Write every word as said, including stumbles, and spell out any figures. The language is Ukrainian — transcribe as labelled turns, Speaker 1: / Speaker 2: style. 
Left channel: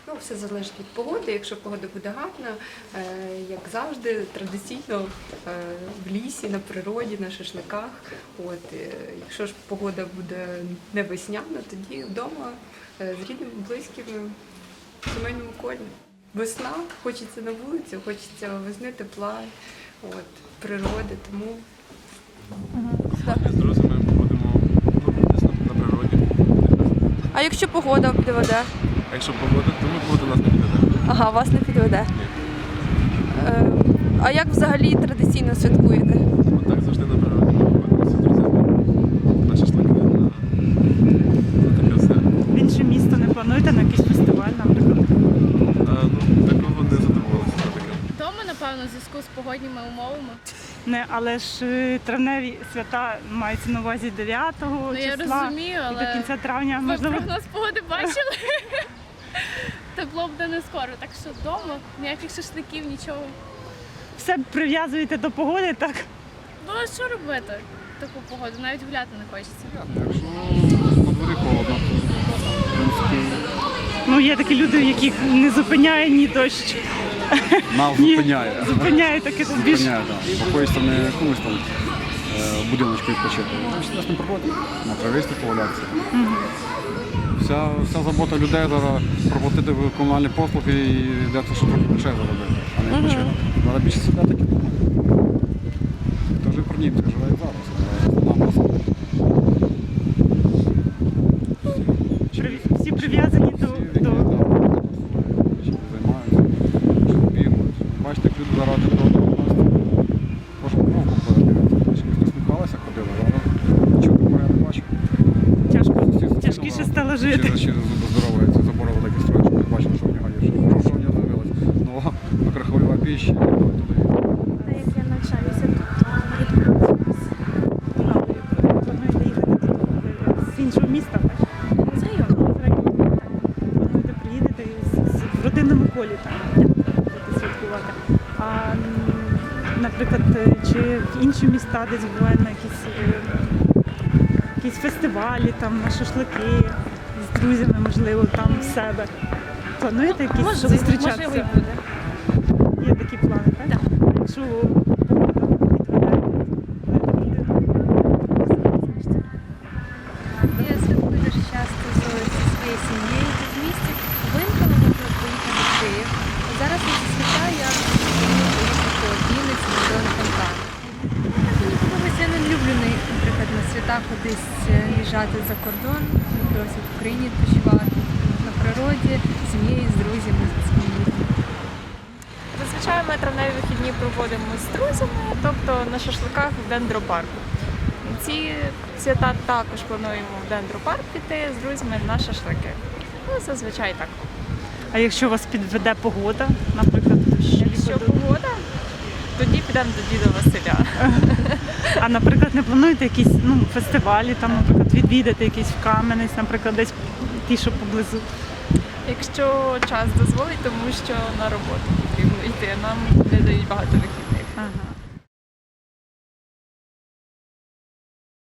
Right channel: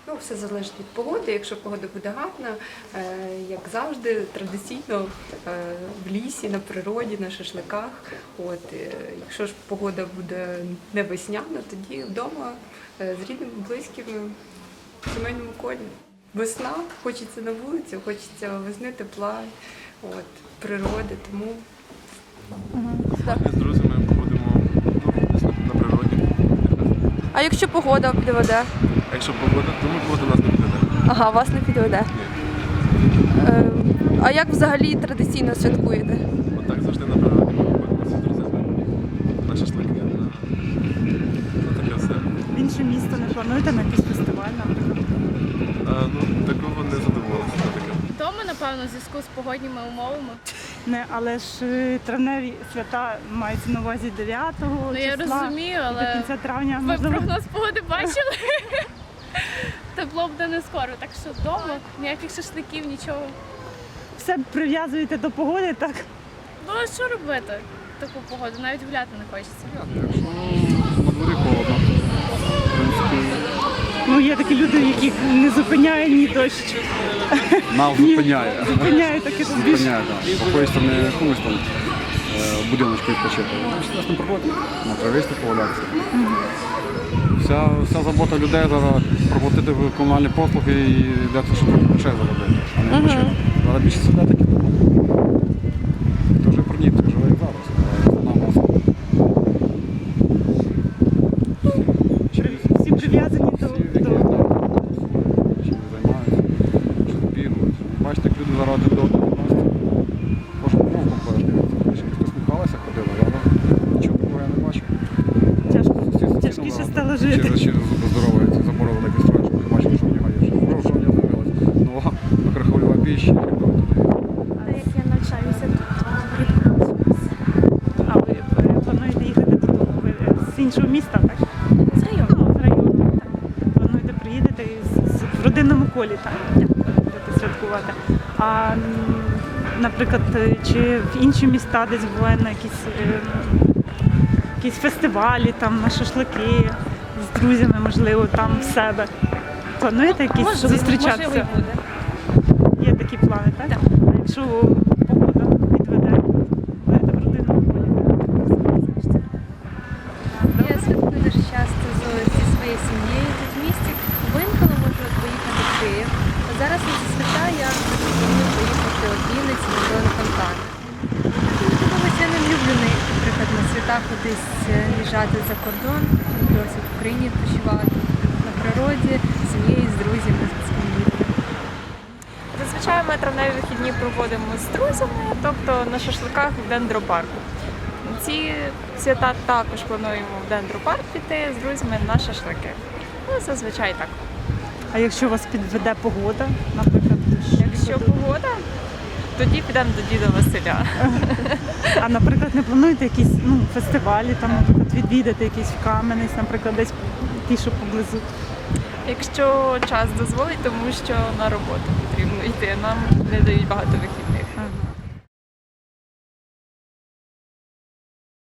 Speaker 1: Ну, все залежить від погоди. Якщо погода буде гарна, як завжди, традиційно в лісі, на природі, на шашликах. От, якщо ж погода буде не весняна, тоді вдома з рідними, близькими, в сімейному колі. Весна, хочеться на вулицю, хочеться весни, тепла, от, природи, тому...
Speaker 2: Компанія з друзями будемо ну, десь на, на природі.
Speaker 3: А якщо погода підведе?
Speaker 2: А якщо погода, то ми погода нас не підведе.
Speaker 3: Ага, вас не підведе.
Speaker 2: Ні.
Speaker 3: Е, а як взагалі традиційно святкуєте?
Speaker 2: Отак завжди на природі ми виходимося з друзями. На шашлики, на, на таке все.
Speaker 4: В інше місто не плануєте на якийсь фестиваль, наприклад?
Speaker 2: А, ну, такого не задоволилися на таке.
Speaker 5: Вдома, напевно, в зв'язку з погодніми умовами.
Speaker 4: Не, але ж е, травневі свята мається на увазі дев'ятого
Speaker 5: Ну, я
Speaker 4: числа
Speaker 5: розумію,
Speaker 4: і
Speaker 5: але
Speaker 4: до кінця травня.
Speaker 5: ви
Speaker 4: Можливо,
Speaker 5: прогноз погоди бачили? Тепло буде не скоро, так що вдома ніяких шашликів, нічого.
Speaker 4: все прив'язуєте до погоди, так?
Speaker 5: Ну а що робити в таку погоду? Навіть гуляти не хочеться.
Speaker 6: Якщо на дворі холодно, то в принципі
Speaker 4: Ну, є такі люди, яких не зупиняє ні дощ.
Speaker 6: нас
Speaker 4: ні-
Speaker 6: зупиняє.
Speaker 4: Зупиняє таке, що більше.
Speaker 6: Зупиняє, так. Походиш не якомусь там е, в будиночку відпочити. Сидиш на природі, на трависті повалятися. Вся, вся забота людей зараз проплатити комунальні послуги і для того, щоб трохи грошей заробити, а не відпочинок. Зараз більше сидять так і думають. Хто вже про Дніпрі живе і зараз, основна маса.
Speaker 4: При- Всі прив'язані до,
Speaker 6: Всі, які
Speaker 4: до...
Speaker 6: так, чим займаються, щось бігають. Бачите, як люди зараз один до одного відносяться. Кожен вовком дивиться. Якось посміхалися, ходили, але нічого такого я не бачив.
Speaker 4: Тяжко,
Speaker 6: Сусід сусідом
Speaker 4: тяжкіше
Speaker 6: зараз
Speaker 4: стало жити.
Speaker 6: Через, через зуби здоров'я, ці забори великі строять, щоб не бачили, що в нього є. Що, що в нього з'явилось. Ну, микрохвильова піща, і телевізор.
Speaker 7: Та як я навчаюся тут, то рідко працююся.
Speaker 4: А ви е, плануєте їхати додому? Ви е, з іншого міста, так?
Speaker 7: З району.
Speaker 4: З району. Так. Плануєте приїдете з- з- в родинному колі, так? Будете святкувати. А, м, наприклад, е, чи в інші міста десь буває на якісь, е, якісь фестивалі, там, на шашлики, з друзями, можливо, там в себе? Плануєте якісь зустрічатися?
Speaker 7: Можливо, і буде.
Speaker 4: Є такі плани, так?
Speaker 7: Так.
Speaker 4: А якщо погода підведе, будете в родинному колі?
Speaker 7: Я святкую дуже часто з- зі своєю сім'єю тут в місті. Винколи можу поїхати в Київ. Зараз на ці свята я планую поїхати в Вінницю до фонтану. Мені подобається, я не люблю, на- наприклад, на свята кудись е, їжджати за кордон. Люблю ось в Україні відпочивати, на природі, з сім'єю, з друзями, з близькими людьми.
Speaker 3: Зазвичай ми травневі вихідні проводимо з друзями, тобто на шашликах в дендропарку. Ці свята також плануємо в дендропарк піти з друзями на шашлики. Ну, зазвичай так.
Speaker 4: А якщо вас підведе погода, наприклад, дощ?
Speaker 3: Якщо погода, тоді підемо до діда Василя.
Speaker 4: А, наприклад, не плануєте якісь ну, фестивалі, там, наприклад, відвідати якийсь в Кам'янець, наприклад, десь ті, що поблизу?
Speaker 3: Якщо час дозволить, тому що на роботу потрібно йти. Нам не дають багато вихідних.